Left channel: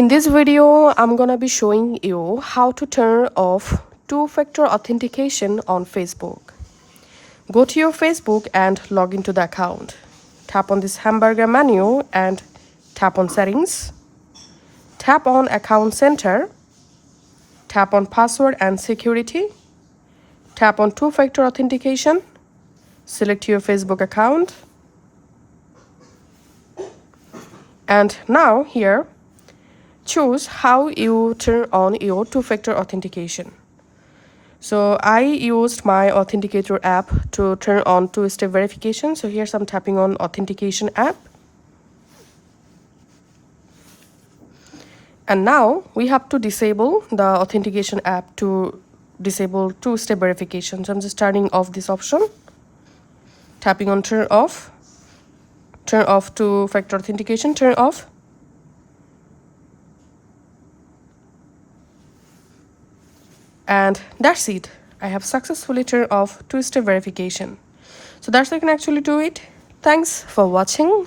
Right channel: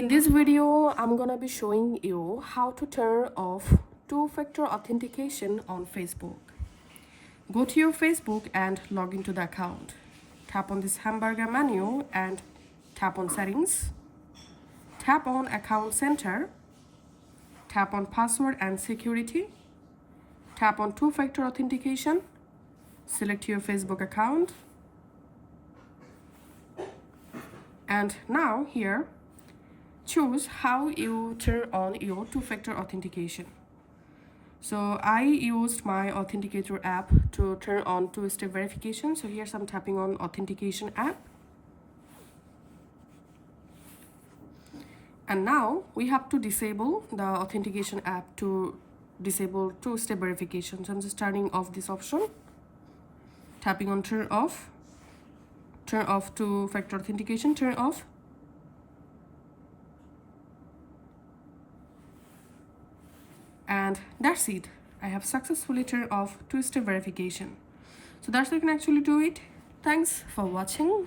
In this video, I'm gonna be showing you how to turn off two-factor authentication on Facebook. Go to your Facebook and log into the account. Tap on this hamburger menu and tap on Settings. Tap on Account Center. Tap on Password and Security. Tap on two-factor authentication. Select your Facebook account. And now here, choose how you turn on your two-factor authentication. So I used my Authenticator app to turn on two-step verification. So here's I'm tapping on Authentication app. And now we have to disable the Authentication app to disable two-step verification. So I'm just turning off this option. Tapping on turn off two-factor authentication, turn off. And that's it. I have successfully turned off two-step verification. So that's how you can actually do it. Thanks for watching.